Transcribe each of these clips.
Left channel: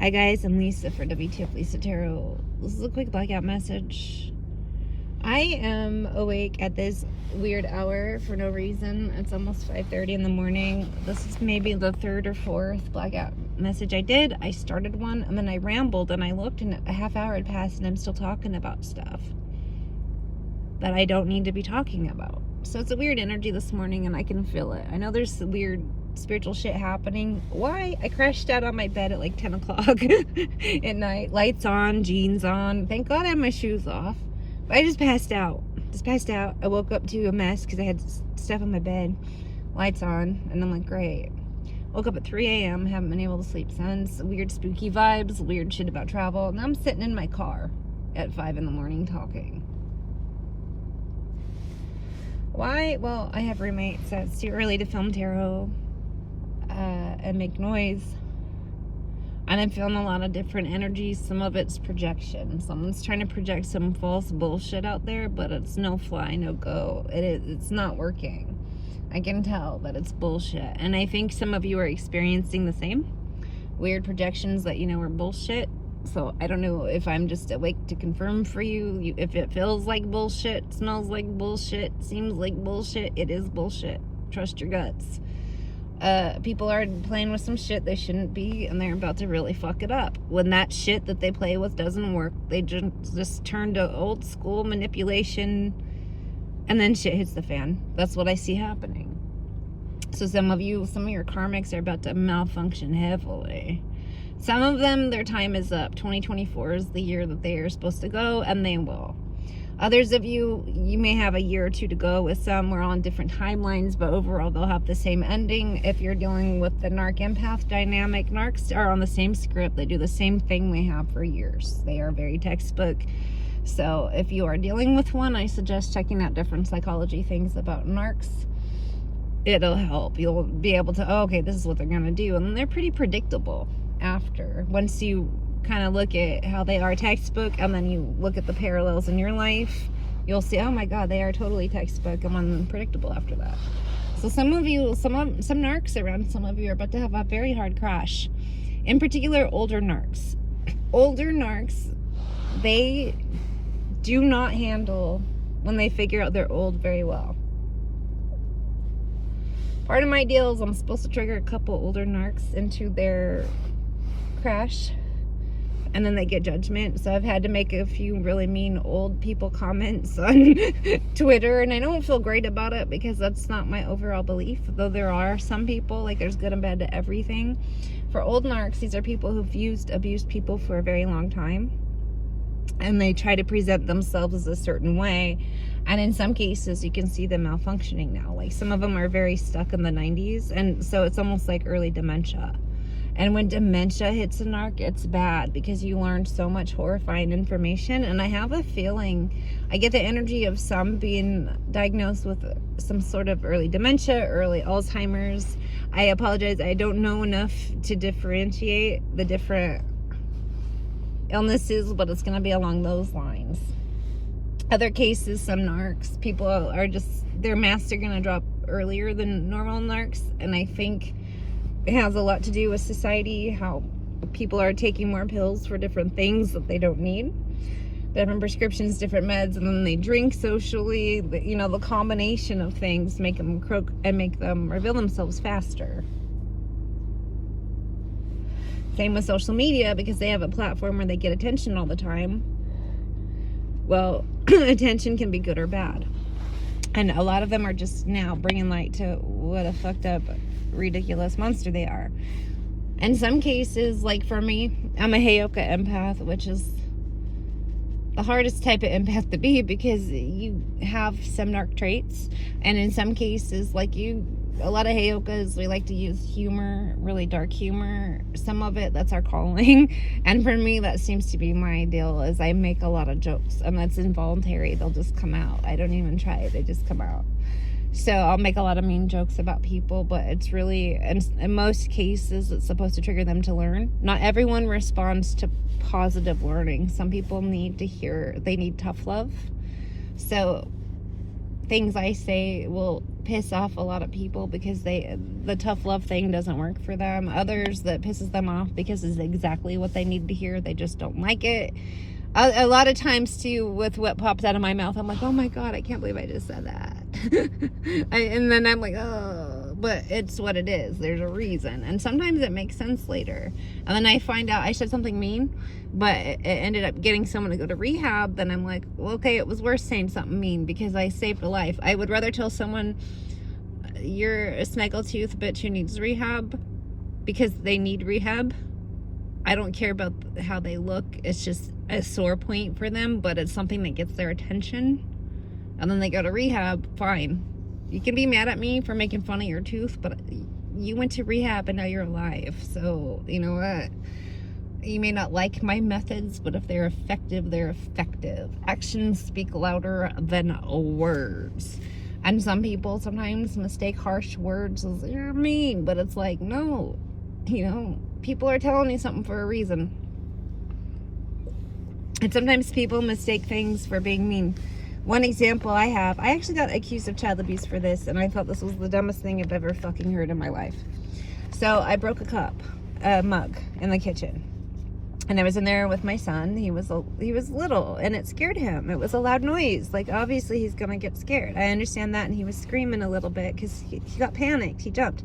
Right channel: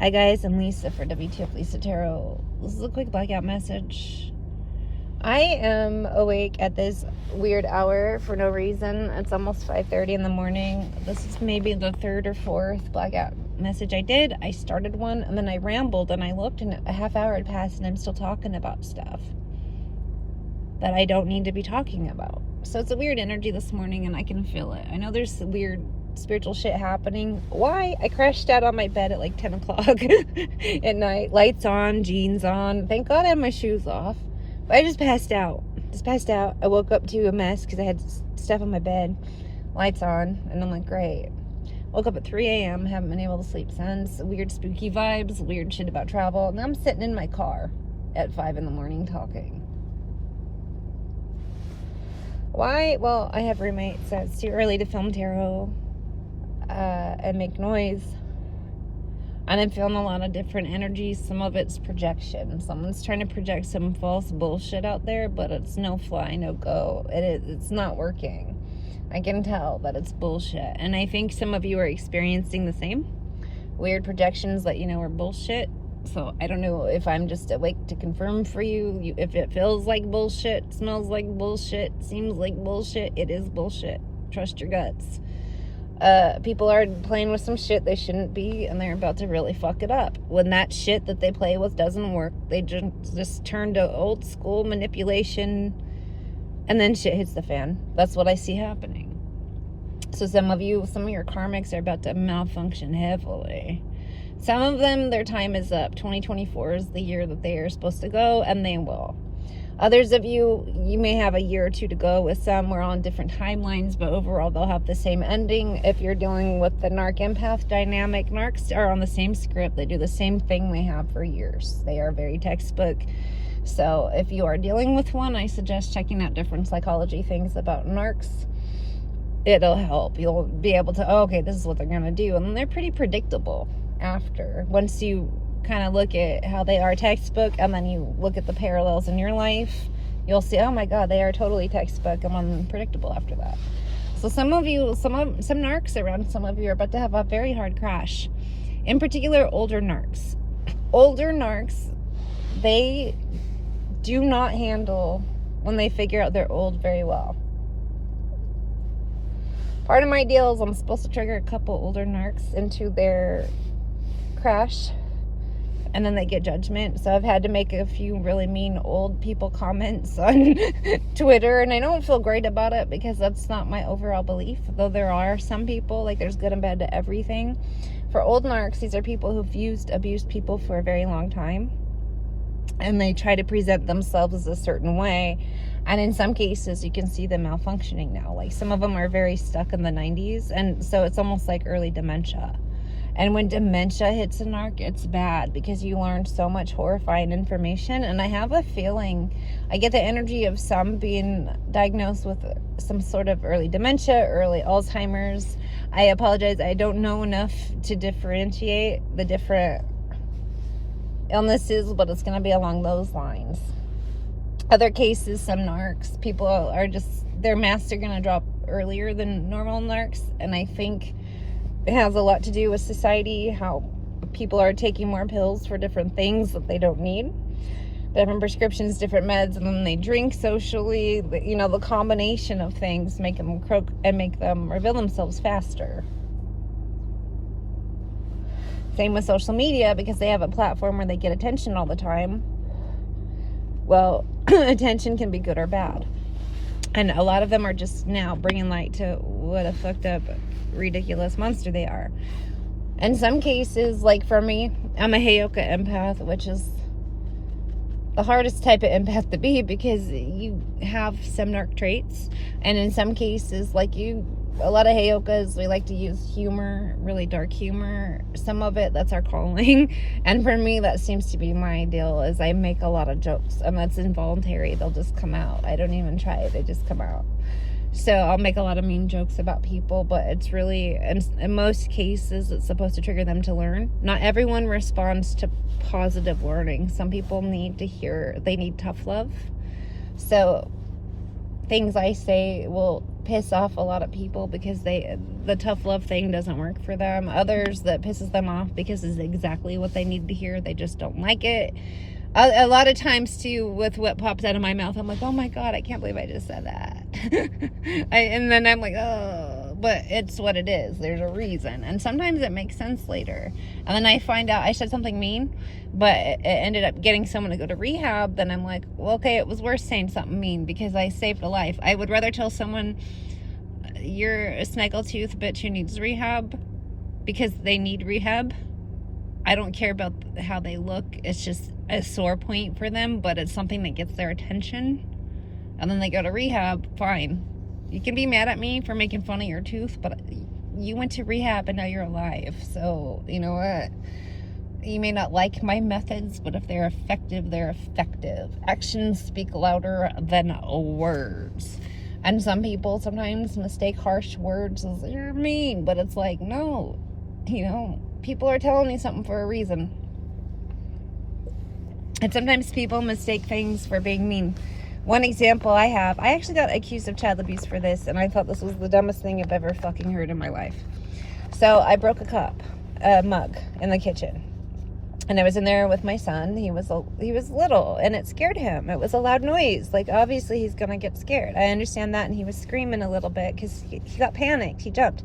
Hi guys, I'm Lisa for wtfLisa Tarot. This is a quick blackout message. I am awake at this weird hour for no reason. It's almost 5:30 in the morning. This is maybe the third or fourth blackout message I did. I started one and then I rambled and I looked and a half hour had passed and I'm still talking about stuff that I don't need to be talking about. So it's a weird energy this morning and I can feel it. I know there's weird spiritual shit happening. Why? I crashed out on my bed at like 10 o'clock at night. Lights on, jeans on. Thank God I had my shoes off. But I just passed out. I woke up to a mess because I had stuff on my bed. Lights on. And I'm like, great. Woke up at 3 a.m. Haven't been able to sleep since. Weird spooky vibes. Weird shit about travel. And I'm sitting in my car at 5 in the morning talking. Why? Well, I have roommates, so it's too early to film tarot and make noise. And I'm feeling a lot of different energies. Some of it's projection. Someone's trying to project some false bullshit out there, but it's no fly, no go. It's not working. I can tell that it's bullshit. And I think some of you are experiencing the same. Weird projections that you know are bullshit. So I don't know if I'm just awake to confirm for you. If it feels like bullshit, smells like bullshit, seems like bullshit, it is bullshit. Trust your guts. People are playing with some shit they shouldn't be, and they're about to really fuck it up. When that shit that they play with doesn't work, they just turn to old school manipulation, and then shit hits the fan. That's what I see happening. So some of your karmics are about to malfunction heavily. Some of them, their time is up. 2024 is the year that they are supposed to go, and they will. Others of you may have a year or two to go. With some, we're on different timelines, but overall, they'll have the same ending. If you're dealing with the Narc Empath dynamic, Narcs are on the same script. They do the same thing they have for years. They are very textbook. So if you are dealing with one, I suggest checking out different psychology things about Narcs. It'll help. You'll be able to, oh, okay, this is what they're going to do. And they're pretty predictable after. Once you kind of look at how they are textbook and then you look at the parallels in your life, you'll see, oh my God, they are totally textbook and then predictable after that. So some narcs around some of you are about to have a very hard crash. In particular, older narcs. Older narcs, they do not handle when they figure out they're old very well. Part of my deal is I'm supposed to trigger a couple older narcs into their crash, and then they get judgment. So I've had to make a few really mean old people comments on Twitter, and I don't feel great about it because that's not my overall belief, though there are some people, like there's good and bad to everything. For old narcs, these are people who've abused people for a very long time, and they try to present themselves a certain way. And in some cases, you can see them malfunctioning now. Like some of them are very stuck in the 90s, and so it's almost like early dementia. And when dementia hits a narc, it's bad because you learn so much horrifying information. And I have a feeling, I get the energy of some being diagnosed with some sort of early dementia, early Alzheimer's. I apologize, I don't know enough to differentiate the different illnesses, but it's going to be along those lines. Other cases, some narcs, people are just, their masks are going to drop earlier than normal narcs. And I think it has a lot to do with society, how people are taking more pills for different things that they don't need. Different prescriptions, different meds, and then they drink socially. You know, the combination of things make them croak and make them reveal themselves faster. Same with social media, because they have a platform where they get attention all the time. Well, attention can be good or bad. And a lot of them are just now bringing light to what a fucked up, ridiculous monster they are. In some cases, like for me, I'm a Heyoka empath, which is the hardest type of empath to be because you have some narc traits. And in some cases, like a lot of Heyokas, we like to use humor, really dark humor. Some of it, that's our calling. And for me, that seems to be my ideal, is I make a lot of jokes. And that's involuntary. They'll just come out. I don't even try it. They just come out. So I'll make a lot of mean jokes about people, but it's really, in most cases, it's supposed to trigger them to learn. Not everyone responds to positive learning. Some people they need tough love. So things I say will piss off a lot of people because the tough love thing doesn't work for them. Others that pisses them off because it's exactly what they need to hear. They just don't like it. A lot of times too, with what pops out of my mouth, I'm like, oh my God, I can't believe I just said that. And then I'm like, oh, but it's what it is. There's a reason. And sometimes it makes sense later. And then I find out I said something mean, but it ended up getting someone to go to rehab. Then I'm like, well, okay, it was worth saying something mean because I saved a life. I would rather tell someone, you're a snaggletooth bitch who needs rehab because they need rehab. I don't care about how they look. It's just a sore point for them, but it's something that gets their attention. And then they go to rehab, fine. You can be mad at me for making fun of your tooth, but you went to rehab and now you're alive. So, you know what? You may not like my methods, but if they're effective, they're effective. Actions speak louder than words. And some people sometimes mistake harsh words as you're mean, but it's like, no, you know, people are telling you something for a reason. And sometimes people mistake things for being mean. One example I actually got accused of child abuse for this, and I thought this was the dumbest thing I've ever fucking heard in my life. So I broke a mug in the kitchen. And I was in there with my son. He was little, and it scared him. It was a loud noise. Like, obviously, he's going to get scared. I understand that, and he was screaming a little bit because he got panicked. He jumped.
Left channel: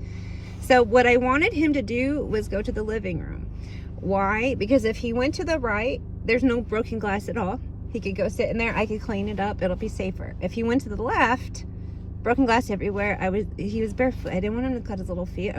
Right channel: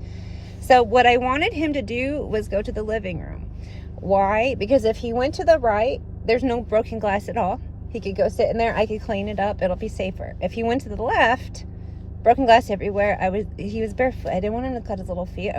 So what I wanted him to do was go to the living room. Why? Because if he went to the right, there's no broken glass at all. He could go sit in there. I could clean it up. It'll be safer. If he went to the left, broken glass everywhere. He was barefoot. I didn't want him to cut his little feet.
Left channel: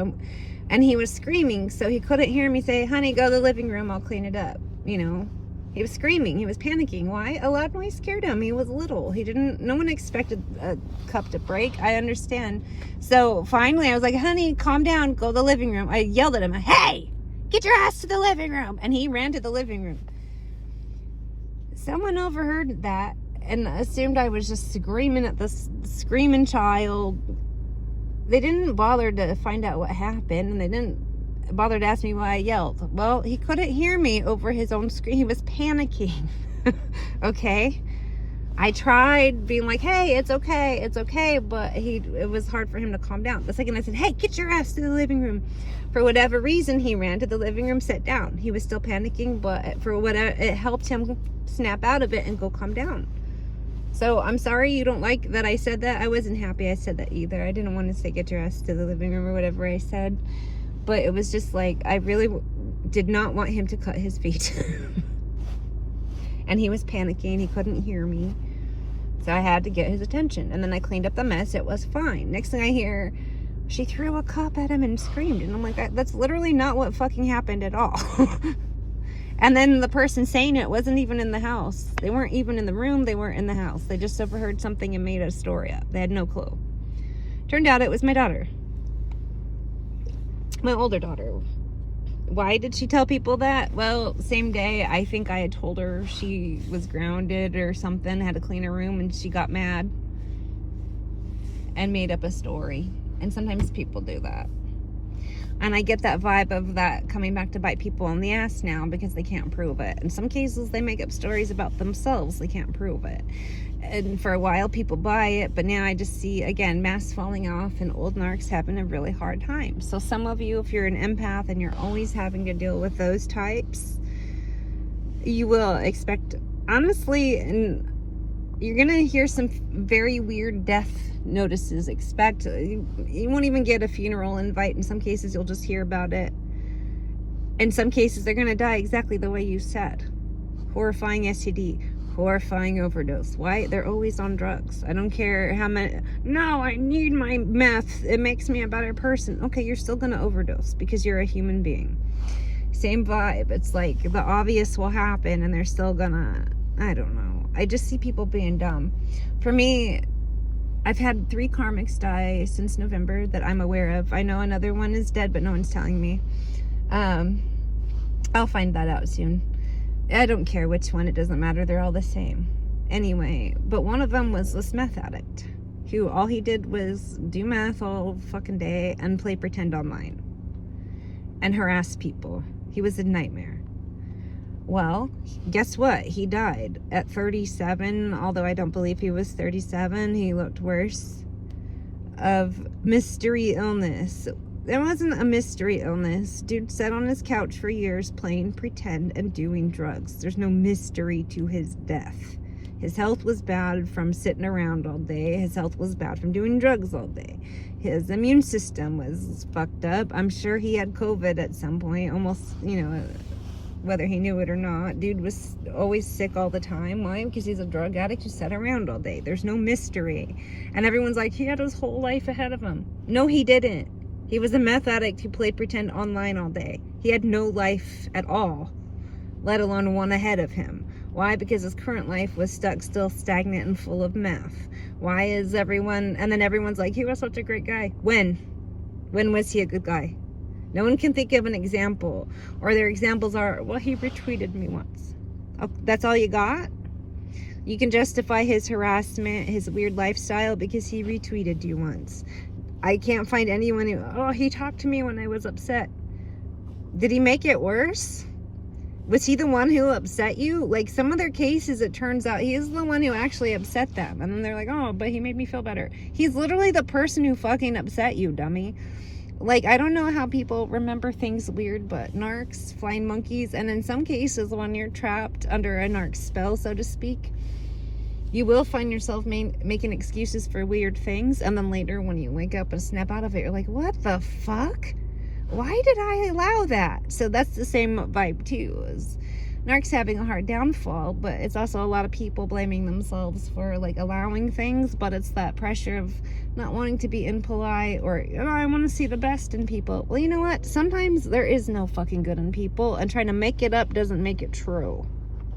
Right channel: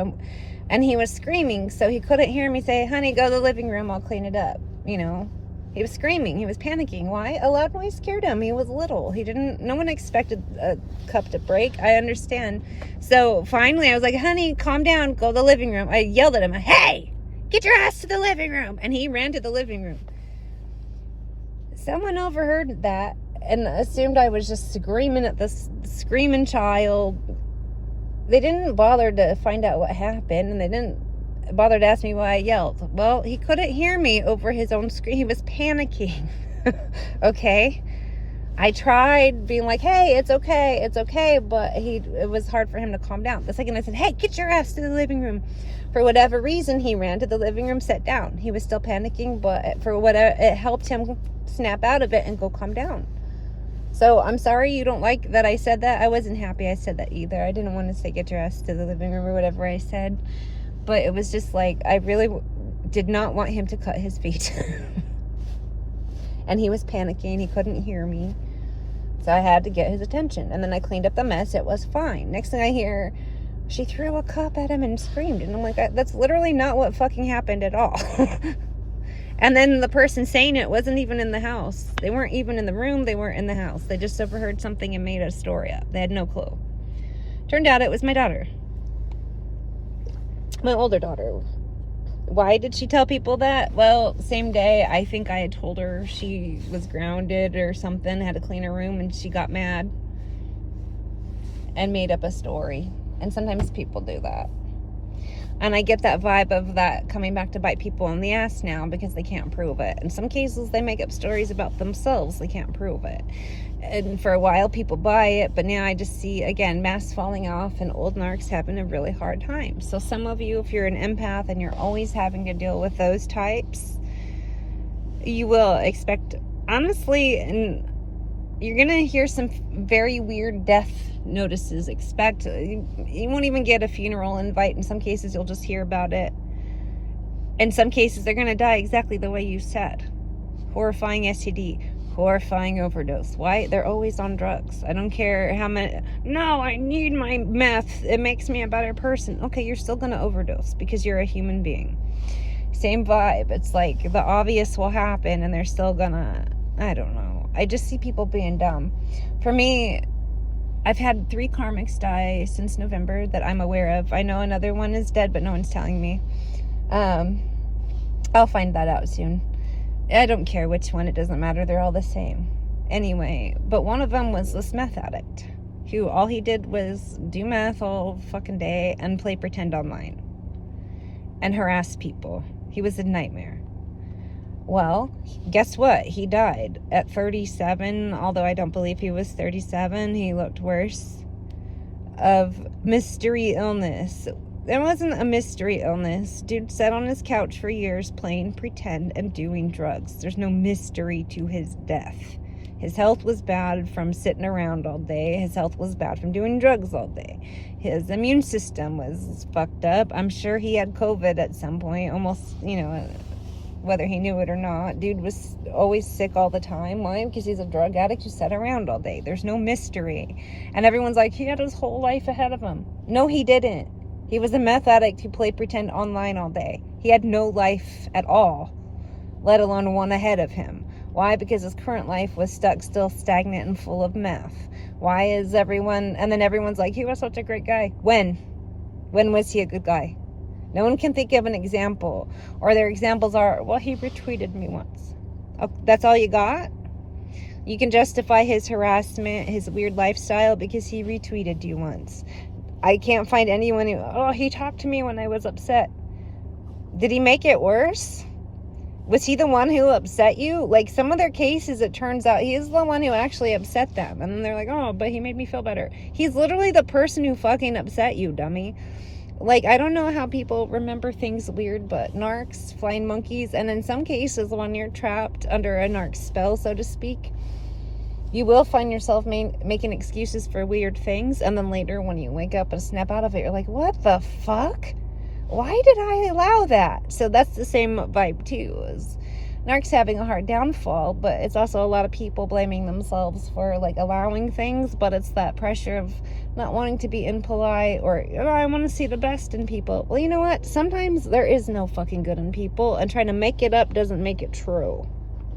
And he was screaming, so he couldn't hear me say, honey, go to the living room. I'll clean it up. You know, he was screaming. He was panicking. Why? A loud noise scared him. He was little. No one expected a cup to break. I understand. So finally I was like, honey, calm down. Go to the living room. I yelled at him, hey, get your ass to the living room. And he ran to the living room. Someone overheard that and assumed I was just screaming at this screaming child. They didn't bother to find out what happened, and they didn't bother to ask me why I yelled. Well, he couldn't hear me over his own scream. He was panicking. Okay? I tried being like, hey, it's okay, but it was hard for him to calm down. The second I said, hey, get your ass to the living room, for whatever reason, he ran to the living room, sat down. He was still panicking, but it helped him snap out of it and go calm down. So I'm sorry you don't like that I said that. I wasn't happy I said that either. I didn't want to say get your ass to the living room or whatever I said. But it was just like, I really did not want him to cut his feet. And he was panicking. He couldn't hear me. So I had to get his attention. And then I cleaned up the mess. It was fine. Next thing I hear, she threw a cup at him and screamed. And I'm like, that's literally not what fucking happened at all. And then the person saying it wasn't even in the house. They weren't even in the room. They weren't in the house. They just overheard something and made a story up. They had no clue. Turned out it was my daughter. My older daughter. Why did she tell people that? Well, same day, I think I had told her she was grounded or something, had to clean her room, and she got mad and made up a story. And sometimes people do that. And I get that vibe of that coming back to bite people in the ass now because they can't prove it. In some cases, they make up stories about themselves. They can't prove it. And for a while, people buy it. But now I just see, again, masks falling off and old narcs having a really hard time. So some of you, if you're an empath and you're always having to deal with those types, you will expect, honestly, and you're going to hear some very weird death notices. You won't even get a funeral invite. In some cases, you'll just hear about it. In some cases, they're going to die exactly the way you said. Horrifying STD, horrifying overdose. Why? They're always on drugs. I don't care how many. No, I need my meth. It makes me a better person. Okay, you're still going to overdose because you're a human being. Same vibe. It's like the obvious will happen and they're still gonna, I don't know. I just see people being dumb. For me, I've had 3 karmics die since November that I'm aware of. I know another one is dead, but no one's telling me. I'll find that out soon. I don't care which one. It doesn't matter. They're all the same. Anyway, but one of them was this meth addict who all he did was do meth all fucking day and play pretend online and harass people. He was a nightmare. Well, guess what? He died at 37, although I don't believe he was 37. He looked worse. of mystery illness. There wasn't a mystery illness. Dude sat on his couch for years playing pretend and doing drugs. There's no mystery to his death. His health was bad from sitting around all day. His health was bad from doing drugs all day. His immune system was fucked up. I'm sure he had COVID at some point, almost, whether he knew it or not. Dude was always sick all the time. Why? Because he's a drug addict who sat around all day. There's no mystery. And everyone's like, he had his whole life ahead of him. No, he didn't. He was a meth addict who played pretend online all day. He had no life at all, let alone one ahead of him. Why? Because his current life was stuck, still stagnant and full of meth. Why is everyone, and then everyone's like, he was such a great guy. When was he a good guy? No one can think of an example. Or their examples are, well, he retweeted me once. Oh, that's all you got? You can justify his harassment, his weird lifestyle, because he retweeted you once. I can't find anyone who, he talked to me when I was upset. Did he make it worse? Was he the one who upset you? Like, some of their cases, it turns out he's the one who actually upset them. And then they're like, oh, but he made me feel better. He's literally the person who fucking upset you, dummy. Like, I don't know how people remember things weird, but narcs, flying monkeys, and in some cases, when you're trapped under a narc spell, so to speak, you will find yourself making excuses for weird things. And then later, when you wake up and snap out of it, you're like, what the fuck? Why did I allow that? So that's the same vibe too, is narcs having a hard downfall, but it's also a lot of people blaming themselves for like allowing things, but it's that pressure of not wanting to be impolite or, I want to see the best in people. Well, you know what? Sometimes there is no fucking good in people, and trying to make it up doesn't make it true.